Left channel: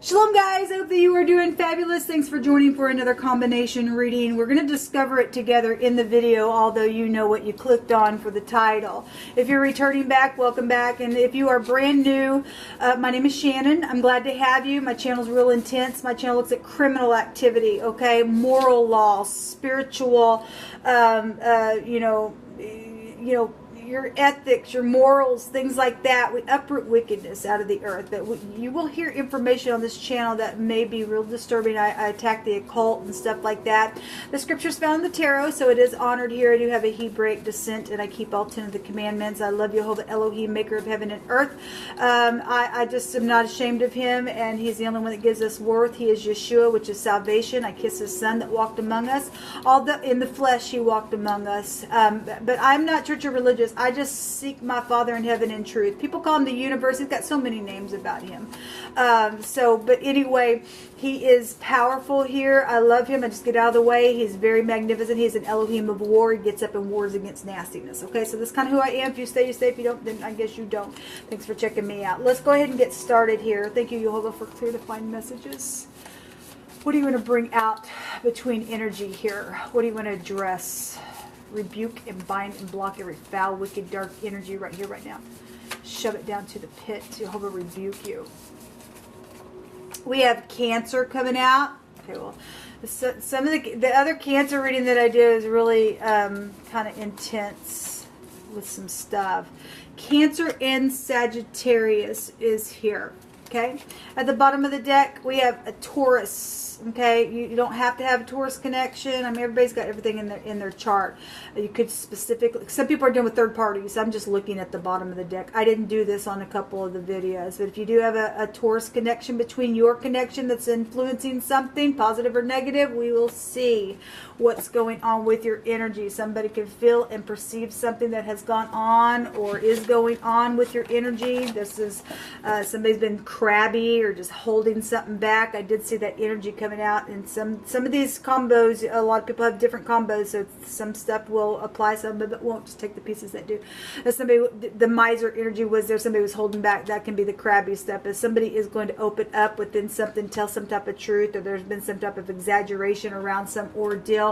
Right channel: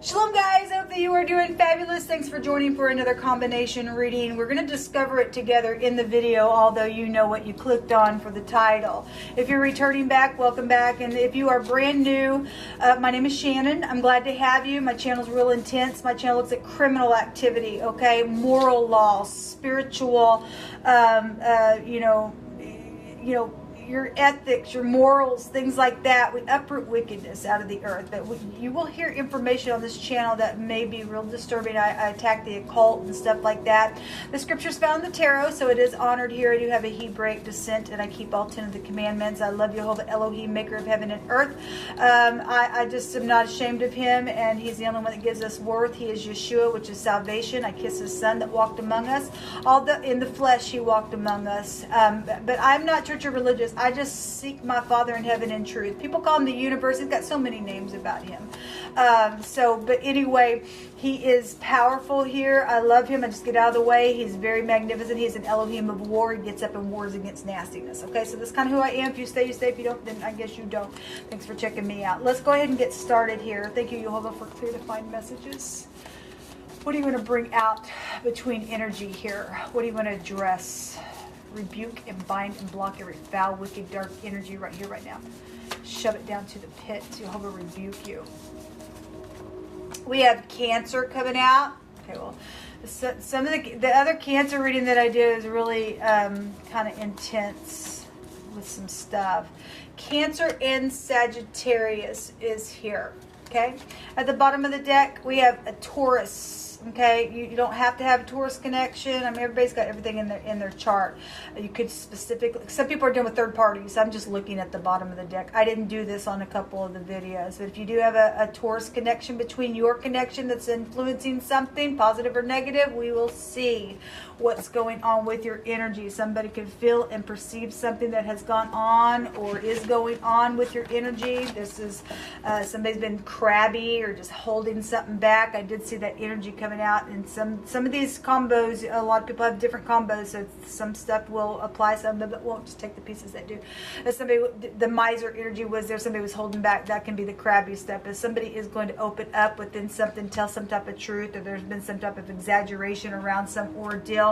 Shalom guys, hope that you are doing fabulous. Thanks for joining for another combination reading. We're going to discover it together in the video, although you know what you clicked on for the title. If you're returning back, welcome back. And if you are brand new, my name is Shannon. I'm glad to have you. My channel's real intense. My channel looks at criminal activity, okay? Moral law, spiritual, your ethics, your morals, things like that. We uproot wickedness out of the earth. You will hear information on this channel that may be real disturbing. I attack the occult and stuff like that. The scriptures found in the tarot, so it is honored here. I do have a Hebraic descent, and I keep all 10 of the commandments. I love Jehovah Elohim, maker of heaven and earth. I just am not ashamed of him, and he's the only one that gives us worth. He is Yeshua, which is salvation. I kiss his son that walked among us. In the flesh he walked among us. But I'm not church or religious. I just seek my Father in heaven in truth. People call him the universe. He's got so many names about him. But anyway, he is powerful here. I love him. I just get out of the way. He's very magnificent. He's an Elohim of war. He gets up and wars against nastiness. Okay, so this is kind of who I am. If you stay, you stay. If you don't, then I guess you don't. Thanks for checking me out. Let's go ahead and get started here. Thank you, Jehovah, for clear to find messages. What do you want to bring out between energy here? What do you want to address? Rebuke and bind and block every foul, wicked, dark energy right here, right now. Shove it down to the pit. Jehovah rebuke you. We have Cancer coming out. Okay, well, some of the other Cancer reading that I do is really kind of intense with some stuff. Cancer and Sagittarius is here. Okay, at the bottom of the deck we have a Taurus. Okay, you don't have to have a Taurus connection. I mean, everybody's got everything in their chart. You could specifically, some people are doing with third parties. I'm just looking at the bottom of the deck. I didn't do this on a couple of the videos, but if you do have a Taurus connection between your connection that's influencing something, positive or negative, we will see what's going on with your energy. Somebody can feel and perceive something that has gone on or is going on with your energy. This is somebody's been crabby or just holding something back. I did see that energy coming out in some of these combos. A lot of people have different combos, so some stuff will apply, some of it won't. Just take the pieces that do. If somebody, the miser energy was there, somebody was holding back, that can be the crabby stuff. If somebody is going to open up within something, tell some type of truth, or there's been some type of exaggeration around some ordeal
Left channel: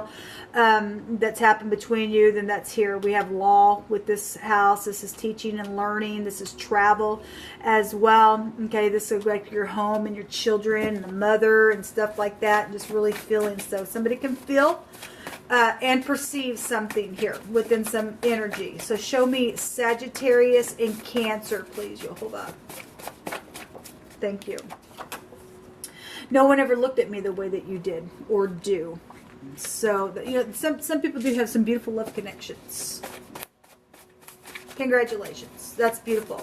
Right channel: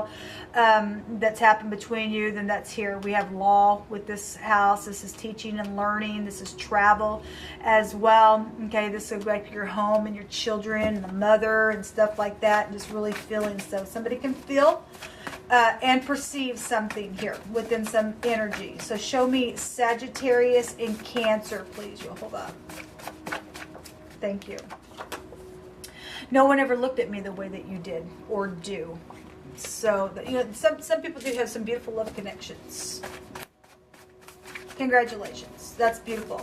that's happened between you, then that's here. We have law with this house. This is teaching and learning. This is travel as well. Okay, this is like your home and your children and the mother and stuff like that. Just really feeling. So somebody can feel and perceive something here within some energy. So show me Sagittarius and Cancer, please, Jehovah. Thank you. No one ever looked at me the way that you did or do. So, some people do have some beautiful love connections. Congratulations. That's beautiful.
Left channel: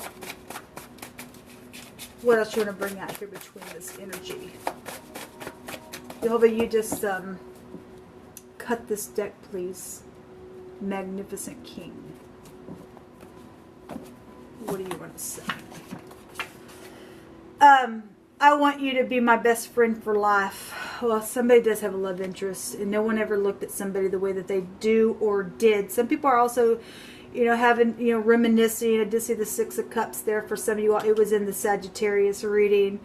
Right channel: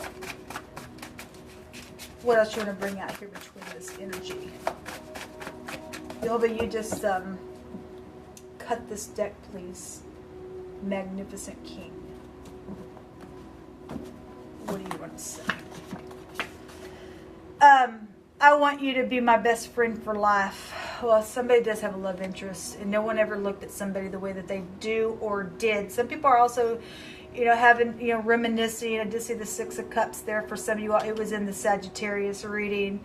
What else do you want to bring out here between this energy? Jehovah, you just cut this deck, please. Magnificent King. What do you want to say? I want you to be my best friend for life. Well, somebody does have a love interest, and no one ever looked at somebody the way that they do or did. Some people are also, having, reminiscing. I did see the Six of Cups there for some of you all. It was in the Sagittarius reading.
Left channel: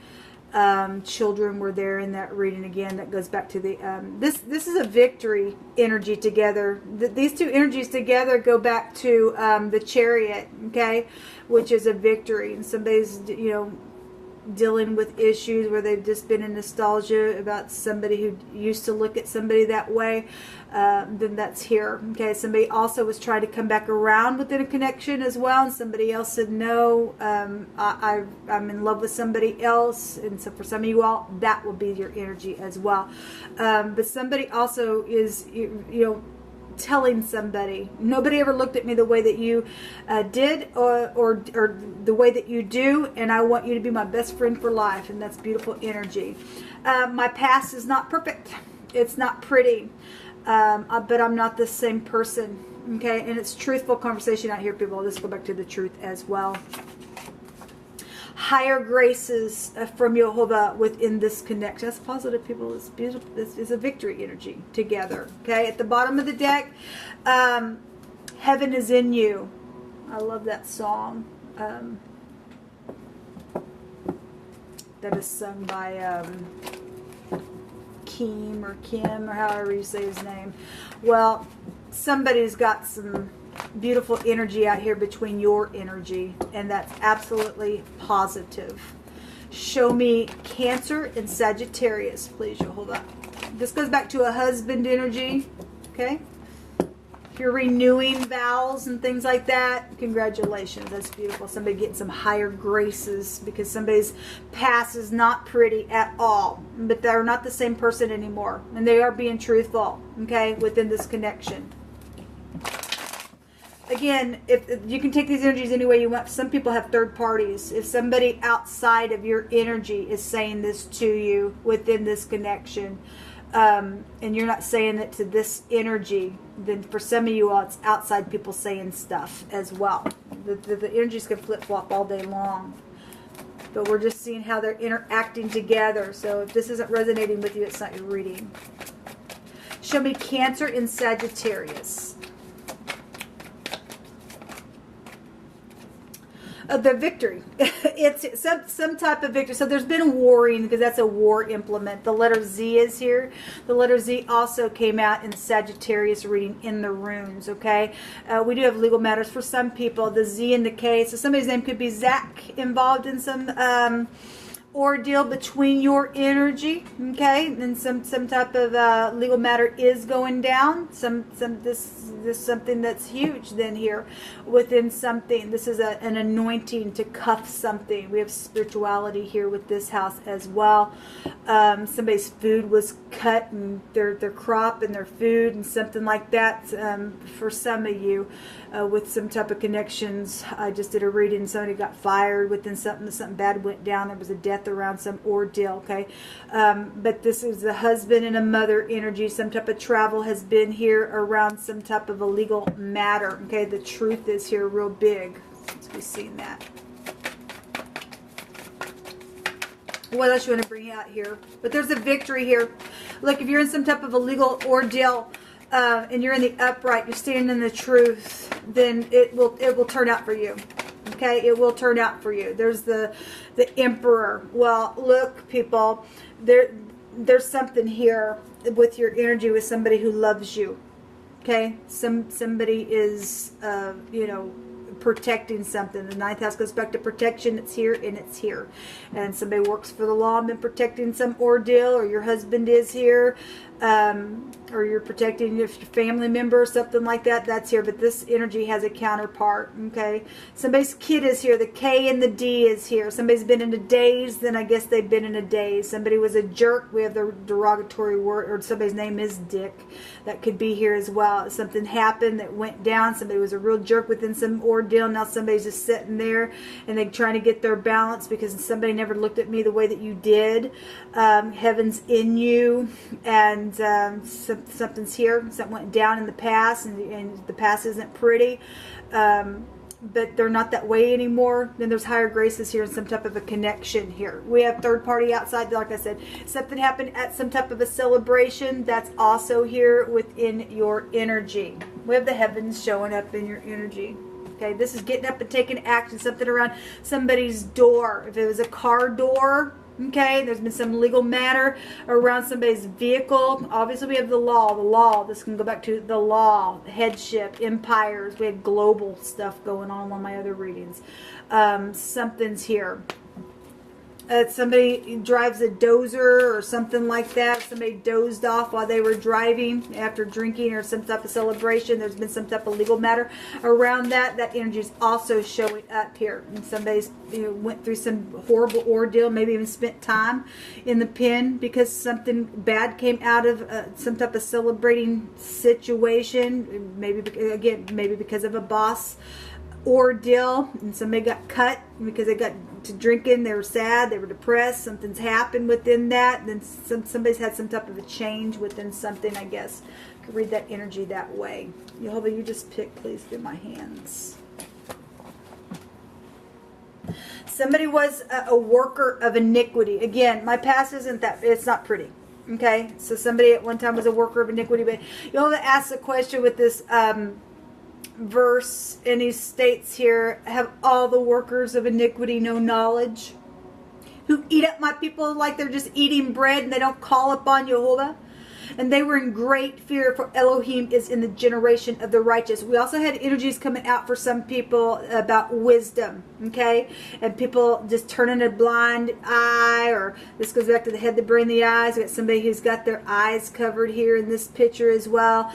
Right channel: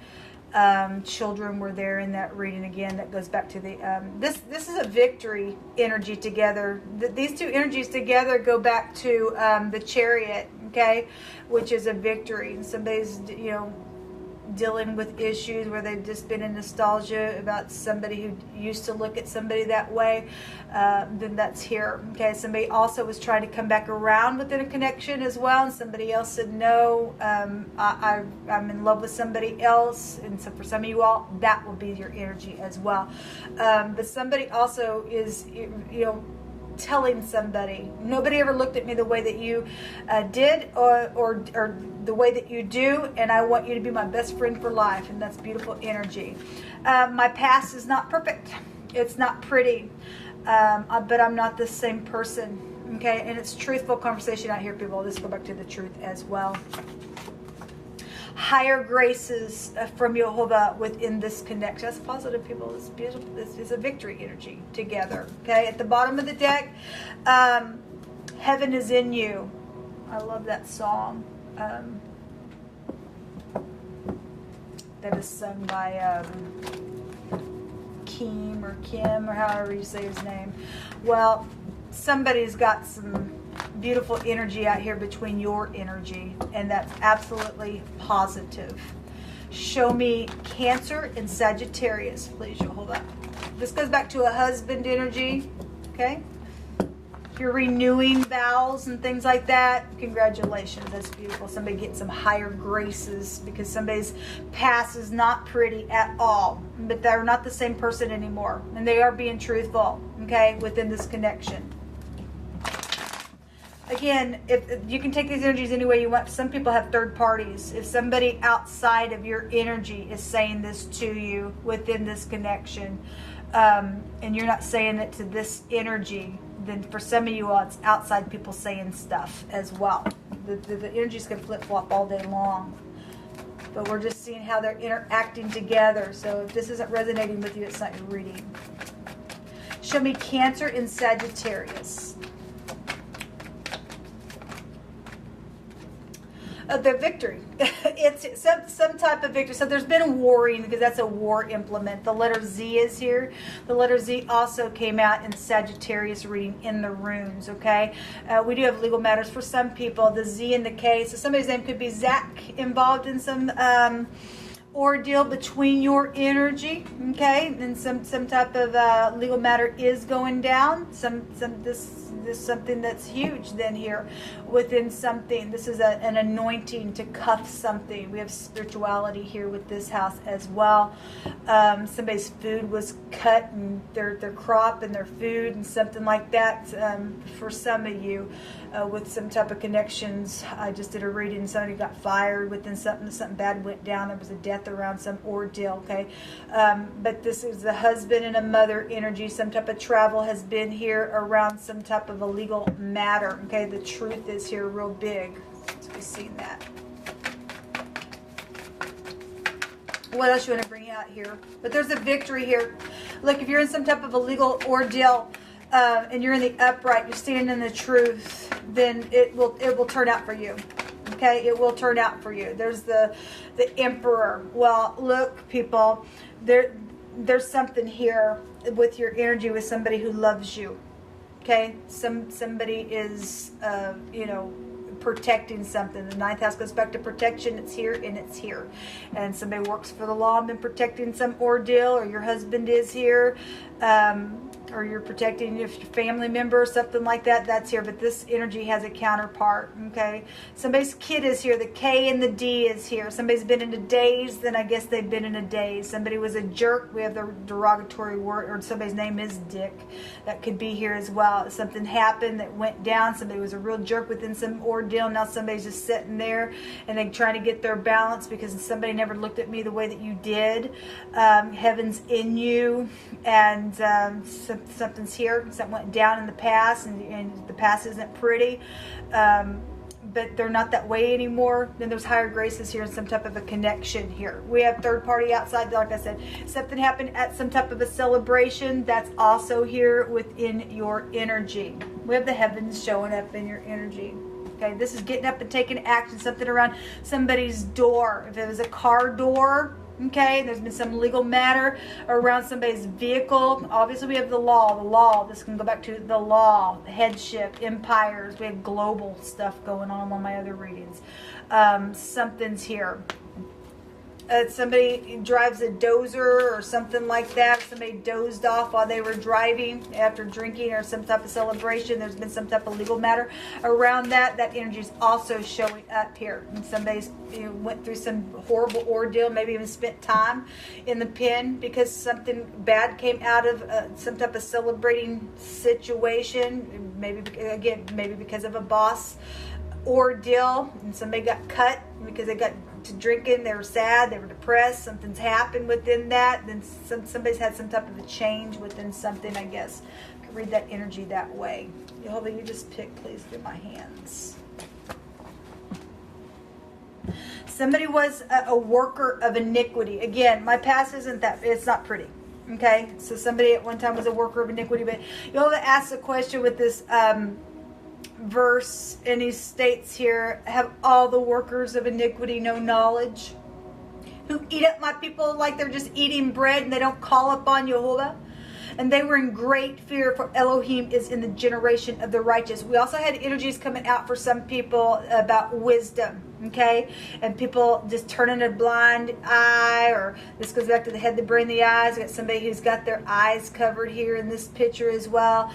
Children were there in that reading again. That goes back to the, this is a victory energy together. These two energies together go back to the Chariot, okay, which is a victory. Somebody's, dealing with issues where they've just been in nostalgia about somebody who used to look at somebody that way, then that's here. Okay, somebody also was trying to come back around within a connection as well, and somebody else said, no, I'm in love with somebody else, and so for some of you all, that will be your energy as well. But somebody also is, telling somebody, nobody ever looked at me the way that you did or the way that you do, and I want you to be my best friend for life, and that's beautiful energy. My past is not perfect. It's not pretty, but I'm not the same person. Okay, and it's truthful conversation out here, people. Let's go back to the truth as well. Higher graces from Jehovah within this connection. That's positive, people. It's beautiful. This is a victory energy together. Okay, at the bottom of the deck, heaven is in you. I love that song. that is sung by Kim or however you say his name. Well, somebody's got some beautiful energy out here between your energy, and that's absolutely positive. Show me Cancer and Sagittarius, please. You'll hold up. This goes back to a husband energy, okay? If you're renewing vows and things like that, congratulations. That's beautiful. Somebody gets some higher graces because somebody's past is not pretty at all, but they're not the same person anymore, and they are being truthful, okay, within this connection. Again, if you can take these energies any way you want. Some people have third parties. If somebody outside of your energy is saying this to you within this connection, and you're not saying it to this energy, then for some of you all, it's outside people saying stuff as well. The energies can flip-flop all day long. But we're just seeing how they're interacting together. So if this isn't resonating with you, it's not your reading. Show me Cancer and Sagittarius. The victory. It's some type of victory. So there's been warring because that's a war implement. The letter Z is here. The letter Z also came out in Sagittarius reading in the runes, okay? We do have legal matters for some people. The Z and the K. So somebody's name could be Zach, involved in some ordeal between your energy, okay? And some type of legal matter is going down. This is something that's huge then here within something. This is an anointing to cuff something. We have spirituality here with this house as well. Somebody's food was cut, and their crop and their food and something like that. For some of you with some type of connections. I just did a reading. Somebody got fired within something bad went down. There was a death around some ordeal, okay? But this is a husband and a mother energy. Some type of travel has been here around some type of a legal matter, okay? The truth is here real big. Let's be seeing that. What else you want to bring out here? But there's a victory here. Look, if you're in some type of a legal ordeal, and you're in the upright, you're standing in the truth, then it will turn out for you. Okay, it will turn out for you. There's the Emperor. Well, look, people, there's something here with your energy with somebody who loves you. Okay, somebody is protecting something. The ninth house goes back to protection. It's here and it's here. And somebody works for the law and been protecting some ordeal, or your husband is here. Or you're protecting your family member or something like that, that's here. But this energy has a counterpart, okay? Somebody's kid is here. The K and the D is here. Somebody's been in a daze, then I guess they've been in a daze. Somebody was a jerk. We have the derogatory word, or somebody's name is Dick. That could be here as well. Something happened that went down. Somebody was a real jerk within some ordeal. Now somebody's just sitting there and they're trying to get their balance because somebody never looked at me the way that you did. Heaven's in you, and something's here. Something went down in the past, and the past isn't pretty, but they're not that way anymore. Then there's higher graces here and some type of a connection here. We have third party outside. Like I said, something happened at some type of a celebration. That's also here within your energy. We have the heavens showing up in your energy. Okay, this is getting up and taking action. Something around somebody's door. If it was a car door, okay, there's been some legal matter around somebody's vehicle. Obviously, we have the law. The law. This can go back to the law, headship, empires. We have global stuff going on my other readings. Something's here. Somebody drives a dozer or something like that. Somebody dozed off while they were driving after drinking or some type of celebration. There's been some type of legal matter around that. That energy is also showing up here. And somebody's went through some horrible ordeal, maybe even spent time in the pen because something bad came out of some type of celebrating situation. Maybe because of a boss ordeal, and somebody got cut because they got to drinking. They were sad, they were depressed, something's happened within that. Then somebody's had some type of a change within something, I guess. You can read that energy that way. Jehovah, you just pick, please, through my hands. Somebody was a worker of iniquity. Again, my past isn't that, it's not pretty. Okay, so somebody at one time was a worker of iniquity, but Jehovah asks a question with this verse, and he states here, have all the workers of iniquity no knowledge? who eat up my people like they're just eating bread and they don't call upon Jehovah. And they were in great fear, for Elohim is in the generation of the righteous. We also had energies coming out for some people about wisdom, okay? And people just turning a blind eye, or this goes back to the head, the brain, the eyes. We got somebody who's got their eyes covered here in this picture as well,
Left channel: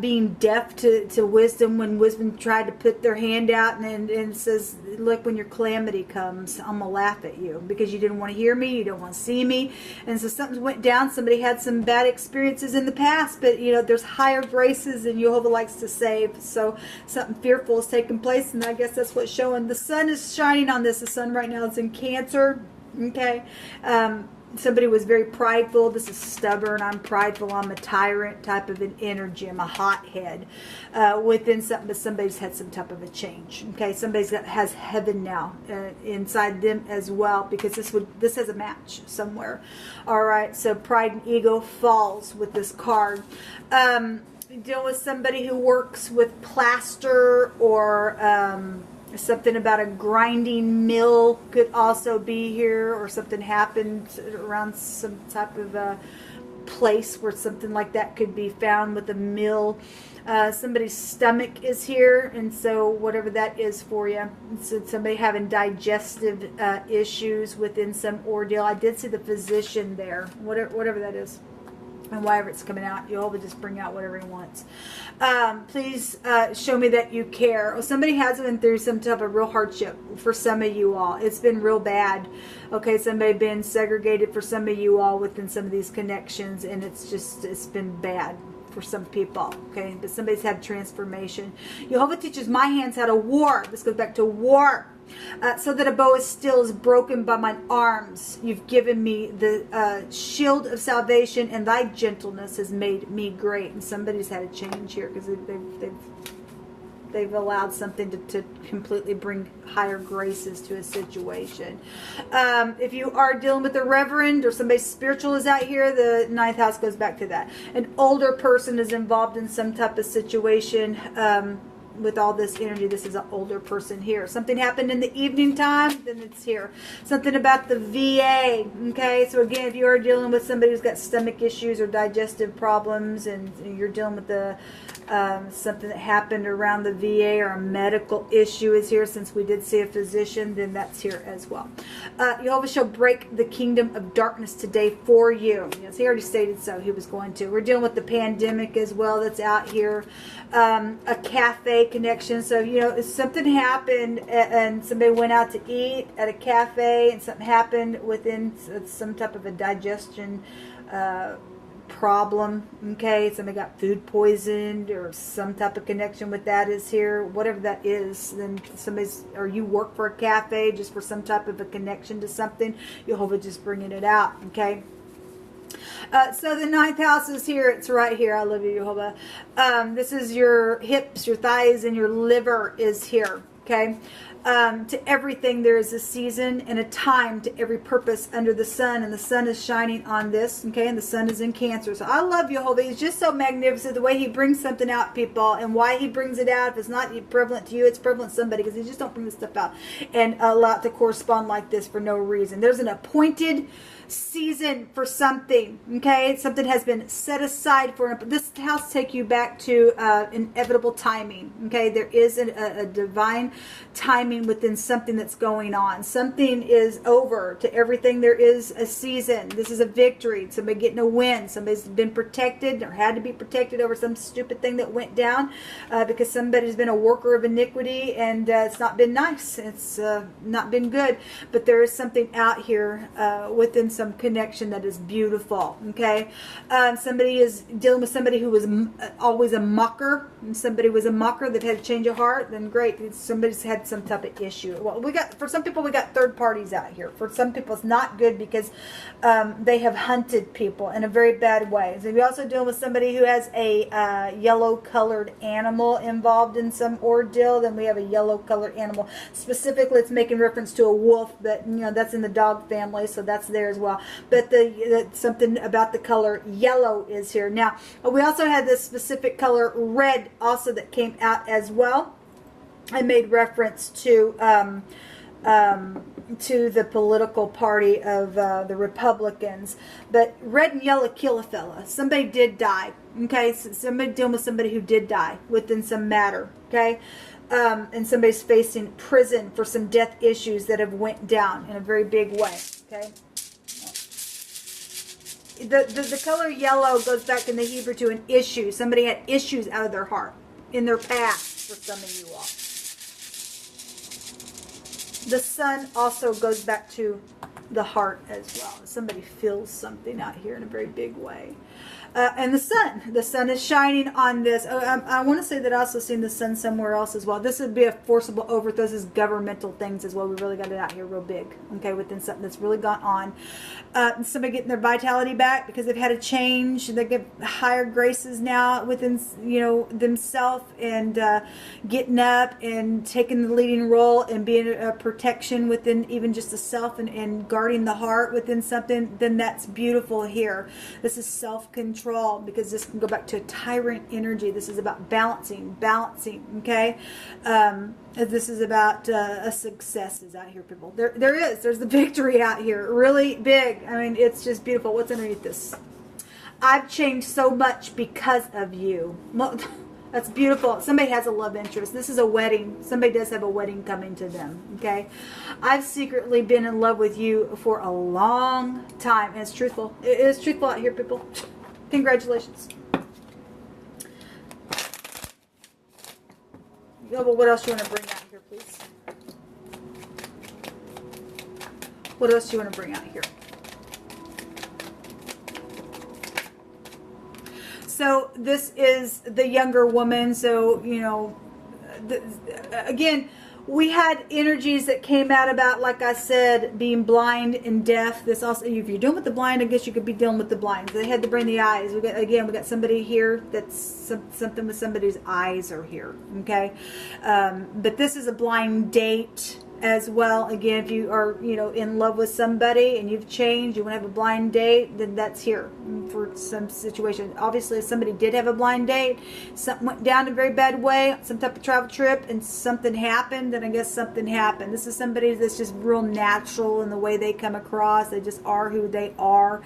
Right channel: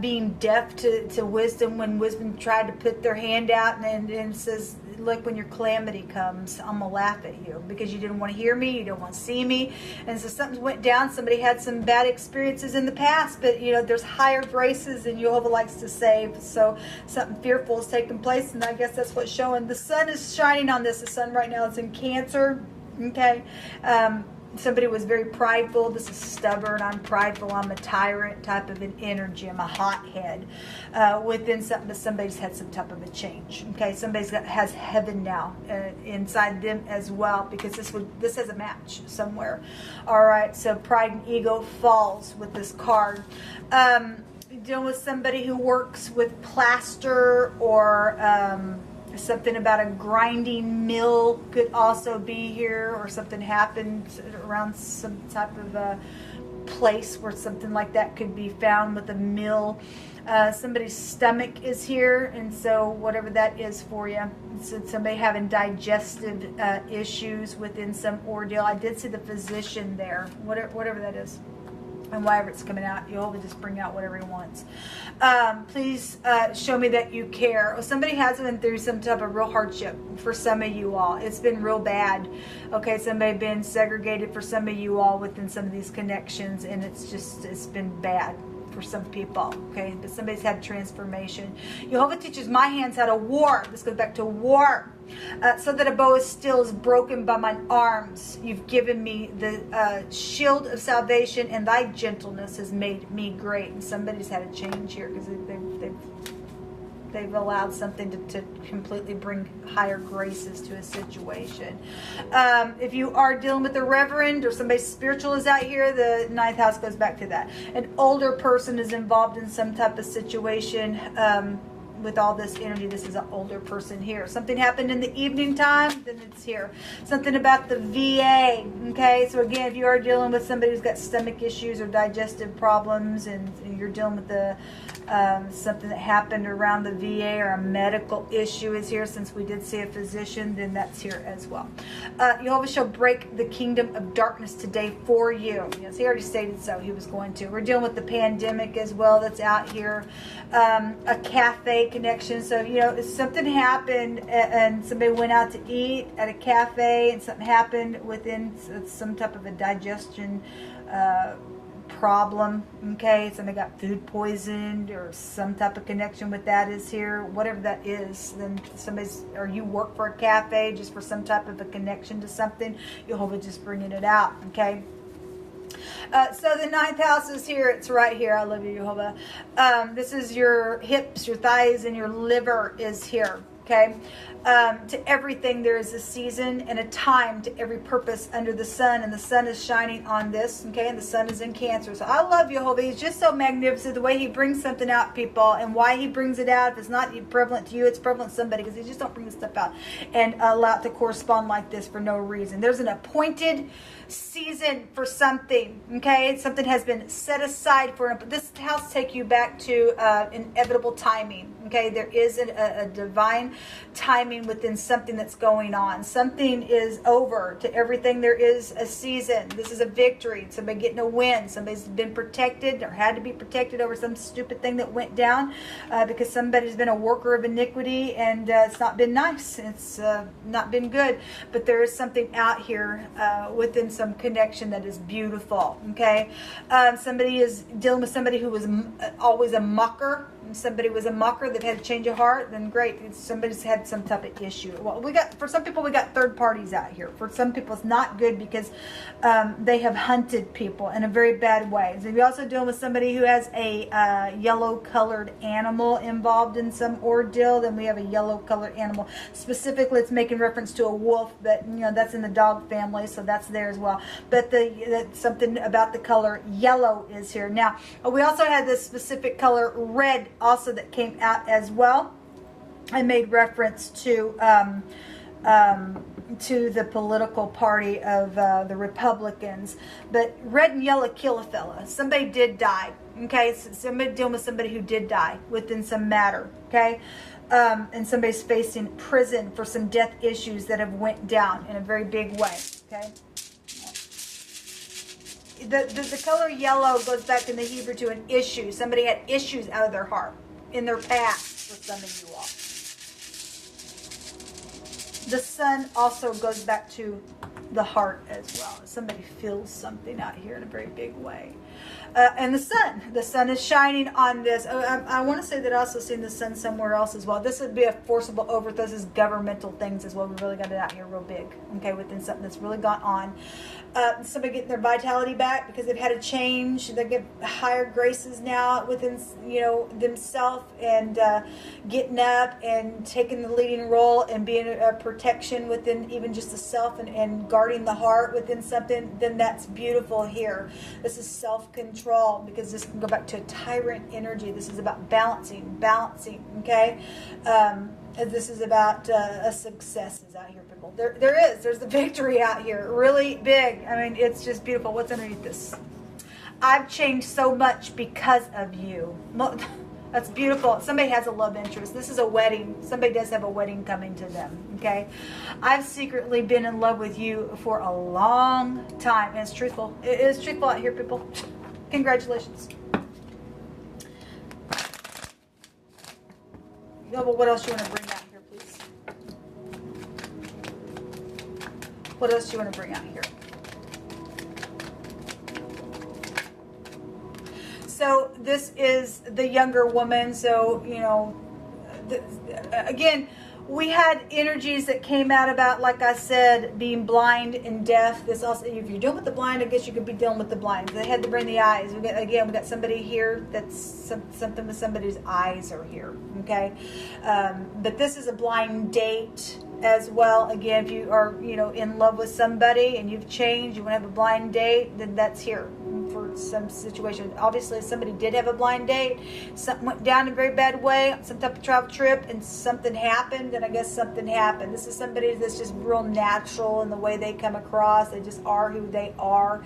being deaf to wisdom when wisdom tried to put their hand out and says, look, when your calamity comes, I'm going to laugh at you because you didn't want to hear me, you don't want to see me. And so something went down. Somebody had some bad experiences in the past, but there's higher graces and Jehovah likes to save. So something fearful is taking place, and I guess that's what's showing. The sun is shining on this. The sun right now is in Cancer. Okay. Somebody was very prideful. This is stubborn. I'm prideful. I'm a tyrant type of an energy. I'm a hothead within something, but somebody's had some type of a change. Okay, somebody's has heaven now inside them as well, because this has a match somewhere. All right, so pride and ego falls with this card. Dealing with somebody who works with plaster or something about a grinding mill could also be here, or something happened around some type of a place where something like that could be found with a mill. Somebody's stomach is here, and so whatever that is for you. So somebody having digestive issues within some ordeal. I did see the physician there, whatever that is. And whatever it's coming out, you'll just bring out whatever he wants. Please show me that you care. Well, somebody has been through some type of real hardship for some of you all. It's been real bad. Okay, somebody been segregated for some of you all within some of these connections, and it's been bad for some people. Okay, but somebody's had transformation. Jehovah teaches my hands how to war. This goes back to war. So that a bow of steel is broken by mine arms. You've given me the shield of salvation, and thy gentleness has made me great. And somebody's had a change here because they've allowed something to completely bring higher graces to a situation. If you are dealing with a reverend or somebody spiritual is out here, the 9th house goes back to that. An older person is involved in some type of situation. With all this energy, this is an older person here. Something happened in the evening time, then it's here. Something about the VA. Okay, so again, if you are dealing with somebody who's got stomach issues or digestive problems, and you're dealing with the something that happened around the VA, or a medical issue is here, since we did see a physician, then that's here as well. Jehovah shall break the kingdom of darkness today for you. Yes, he already stated so. He was going to. We're dealing with the pandemic as well that's out here. A cafe connection. So, if something happened and somebody went out to eat at a cafe and something happened within some type of a digestion problem, okay, somebody got food poisoned or some type of connection with that is here, whatever that is, then or you work for a cafe just for some type of a connection to something, Jehovah just bringing it out, okay. So the 9th house is here. It's right here. I love you, Jehovah. This is your hips, your thighs, and your liver is here. Okay. To everything there is a season and a time to every purpose under the sun, and the sun is shining on this. Okay, and the sun is in Cancer. So I love Jehovah. He's just so magnificent the way he brings something out, people, and why he brings it out. If it's not prevalent to you, it's prevalent to somebody, because he just don't bring this stuff out and allow it to correspond like this for no reason. There's an appointed season for something, okay? Something has been set aside for it. This house take you back to inevitable timing, okay? There is a divine timing within something that's going on. Something is over. To everything there is a season. This is a victory. Somebody getting a win. Somebody's been protected or had to be protected over some stupid thing that went down because somebody's been a worker of iniquity, and it's not been nice. It's not been good. But there is something out here within some connection that is beautiful, okay? Somebody is dealing with somebody who was always a mocker. If somebody was a mocker that had a change of heart, then great. Somebody's had some type of issue. Well, for some people, we got third parties out here. For some people, it's not good because they have hunted people in a very bad way. So you're also dealing with somebody who has a yellow-colored animal involved in some ordeal. Then we have a yellow-colored animal. Specifically, it's making reference to a wolf that, that's in the dog family, so that's there as well. But something about the color yellow is here. Now, we also had this specific color red also that came out as well. I made reference to to the political party of the Republicans. But red and yellow kill a fella. Somebody did die. Okay, so somebody dealing with somebody who did die within some matter. Okay, and somebody's facing prison for some death issues that have went down in a very big way. Okay. The color yellow goes back in the Hebrew to an issue. Somebody had issues out of their heart, in their past, for some of you all. The sun also goes back to the heart as well. Somebody feels something out here in a very big way. And the sun is shining on this. Oh, I want to say that I also seen the sun somewhere else as well. This would be a forcible overthrow. This is governmental things as well. We really got it out here real big, okay, within something that's really gone on. Somebody getting their vitality back because they've had a change. They get higher graces now within, themselves, and getting up and taking the leading role and being a protection within even just the self and guarding the heart within something. Then that's beautiful here. This is self-control, because this can go back to a tyrant energy. This is about balancing, okay? This is about successes out here, people. There's the victory out here, really big. I mean, it's just beautiful. What's underneath this? I've changed so much because of you. That's beautiful. Somebody has a love interest. This is a wedding. Somebody does have a wedding coming to them, okay? I've secretly been in love with you for a long time, and it's truthful. It is truthful out here, people. Congratulations. What else do you want to bring out here, please? What else do you want to bring out here? So this is the younger woman. So, again, we had energies that came out about, like I said, being blind and deaf. This also, if you're dealing with the blind, I guess you could be dealing with the blind. They had to bring the eyes. We got somebody here that's something with somebody's eyes are here. Okay, but this is a blind date as well. Again, if you are, in love with somebody and you've changed, you want to have a blind date, then that's here for some situation. Obviously, somebody did have a blind date. Something went down in a very bad way, some type of travel trip, and something happened, and I guess something happened. This is somebody that's just real natural in the way they come across. They just are who they are,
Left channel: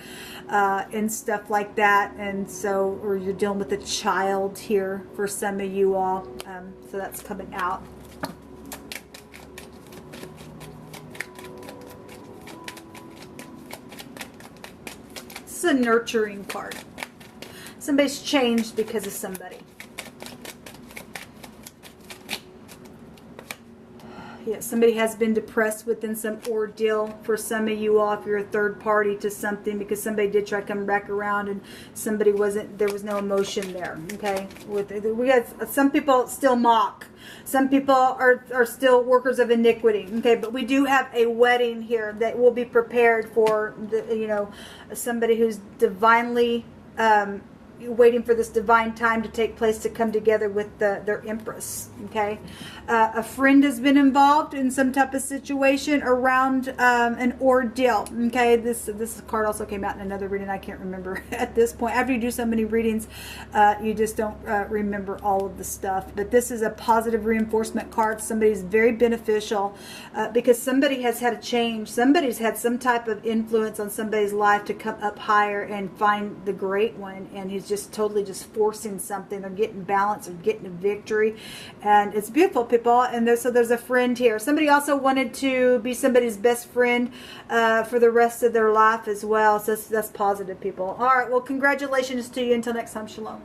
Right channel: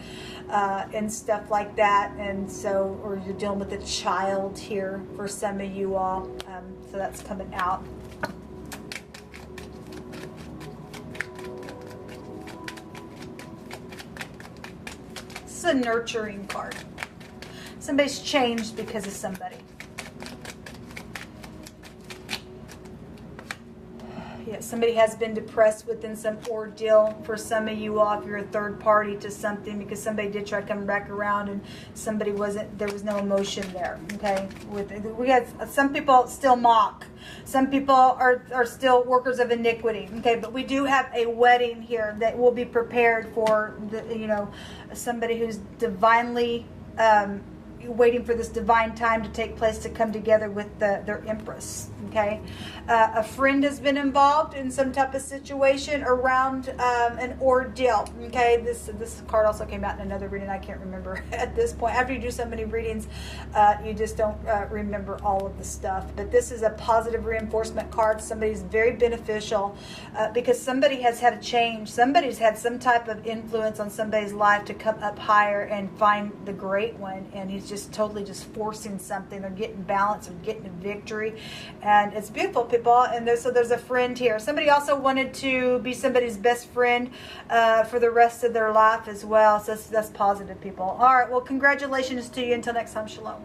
and stuff like that. And so, or you're dealing with a child here for some of you all. So that's coming out. It's a nurturing card. Somebody's changed because of somebody. Yeah, somebody has been depressed within some ordeal for some of you all if you're a third party to something, because somebody did try to come back around and somebody there was no emotion there. Okay, we have some people still mock. Some people are still workers of iniquity. Okay, but we do have a wedding here that will be prepared for somebody who's divinely waiting for this divine time to take place to come together with their empress. Okay, a friend has been involved in some type of situation around an ordeal. Okay, this card also came out in another reading. I can't remember at this point. After you do so many readings, you just don't remember all of the stuff. But this is a positive reinforcement card. Somebody's very beneficial because somebody has had a change. Somebody's had some type of influence on somebody's life to come up higher and find the great one, and he's just totally just forcing something. They're getting balance or getting a victory, and it's beautiful, people. And so there's a friend here. Somebody also wanted to be somebody's best friend for the rest of their life as well. So that's positive, people. All right, well, congratulations to you. Until next time, shalom.